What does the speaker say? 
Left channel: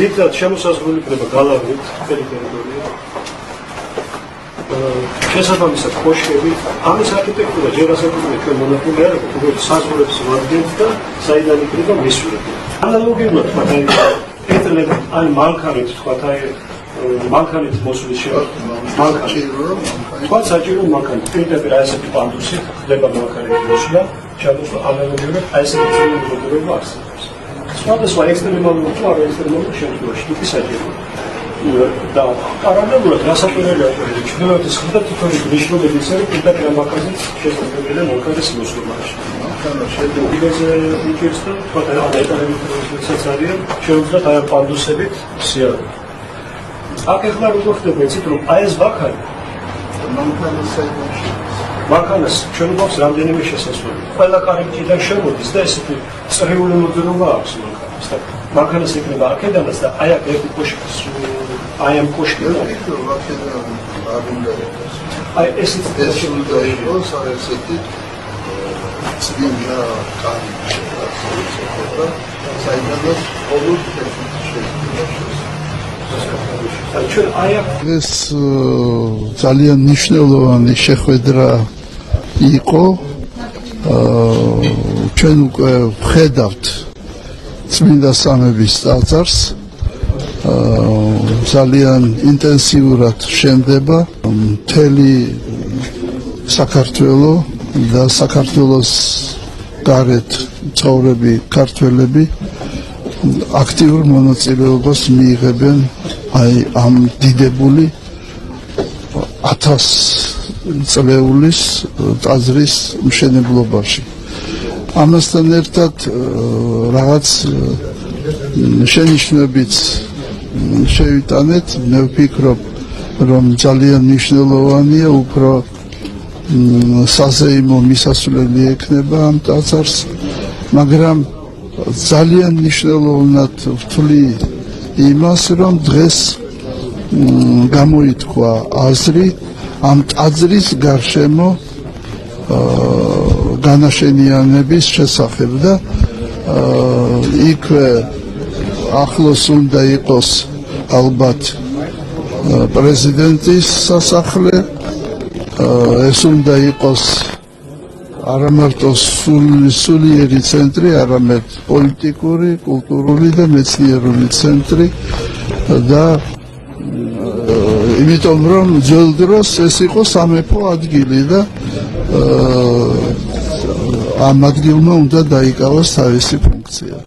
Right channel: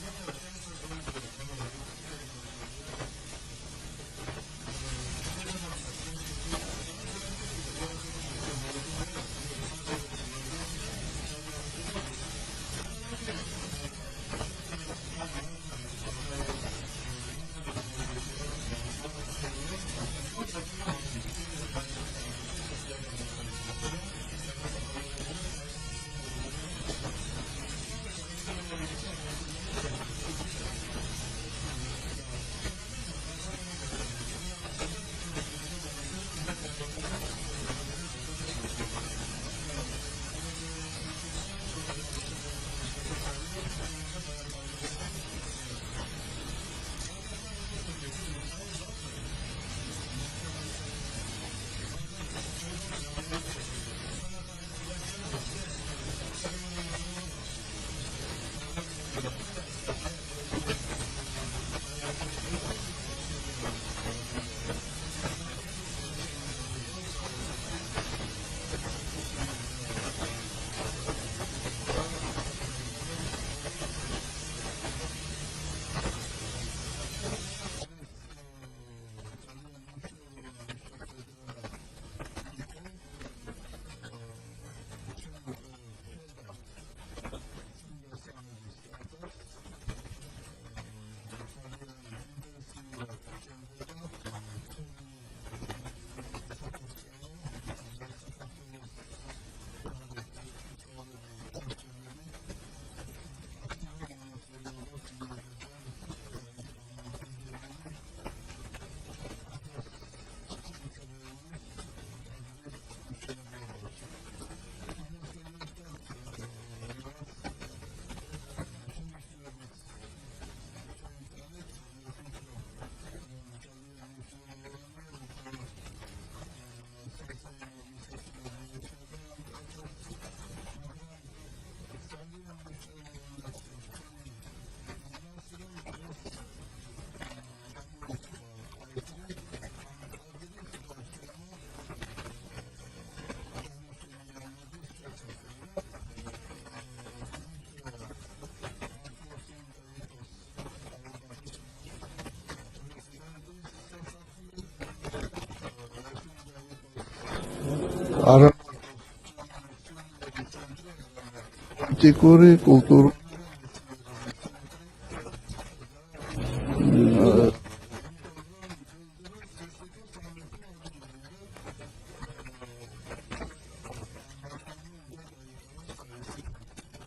ძირითადად შემოსაზღვრული იქნება გალავნით ტერიტორია. შესაბამისად კოშკები, ამის არქიტექტურა ჯერ ასაკუთრებია ჩვენ მონაპოლეარებთ, როგორც საზღვრებს ვადგენთ და საიდან იქნება მისვლები. ანალოგიურად თქვა აი მანქანით თქვა მანქანით მოსვლის თქვა საჭირო მანქანით პირდაპირ აი ესეთი პანდუსით ხდება მანქანით მოსვლა, შემოსვლა ანალოგიურად აი ესეთი ცნობიერება არსებობს. სხვადასხვა ექსტრემალური თუ არაექსტრემალური შემთხვევაში თვითი საჭიროა. და პარალელურად გასაკვირველია ჩრდილოეთის მხრიდან თითოეული ნიშნულები ისევე პირდაპირ ამ მანქანით შესაძლებელია მანქანის მოსვლაში. უდიდესი უჭირს და თქვა ეტალებითაც არიან შეუძლიათ აი ამ პანდუსებით სიარული. აქ ახლა როგორ ხდება იცით რომ აი ეს ვაქანი მანქანას ჩვენ გვაქვს რამდენიმე შესასვლელი. ყველა კარიბჭიდან შემოდის და ესეთი წრიული მოძრაობა აქვს მანქანას და მანქანას ეკრება აქედანაც და აი აქ ერთი კოშკის აი ამ კოშკიდან აი ესეთი ესეთი წვიმა კარიბჭა საიდანაც ყოველ ეს ძალიან მნიშვნელოვანი შეხვედრა იყო. ჩვენ უკვე ვხედავთ წმინდა სამების ტაძარს. ძალიან ინტენსიურად შენდება მთელი საქართველო და საქართველოს გარეთ ცხოვრები ქართველები აქტიურ მონაწილეობას მიიღებენ აი ამ დიდებული 1000 წლეულის ტაძრის მშენებლობაში. ამასთან ერთად რაღაც შენიშვნებიც შევიტანეთ, მე ვფიქრობ, რომ ძალიან მნიშვნელოვანია უფრო საზეიმო მისასვლელი ექნება ამ ტაძარს, მაგრამ ძალიან მნიშვნელოვნად ვთვლი იმას, რომ დღეს გამოითქვა აზრი ამ ტაძრის გარშემო განაშენიანების შესახებ და იქვე ახლოს უნდა იყოს ალბათ პრეზიდენტის სასახლე, ეს უნდა იყოს არა მარტო სულიერი ცენტრი, არამედ პოლიტიკური, კულტურული და მეცნიერული ცენტრი და იმიტომ რომ ძველ დროს ეს იყო სამეფო ადგილი და ამ ადგილმა უნდა დაიკავოს თავისი ფუნქცია.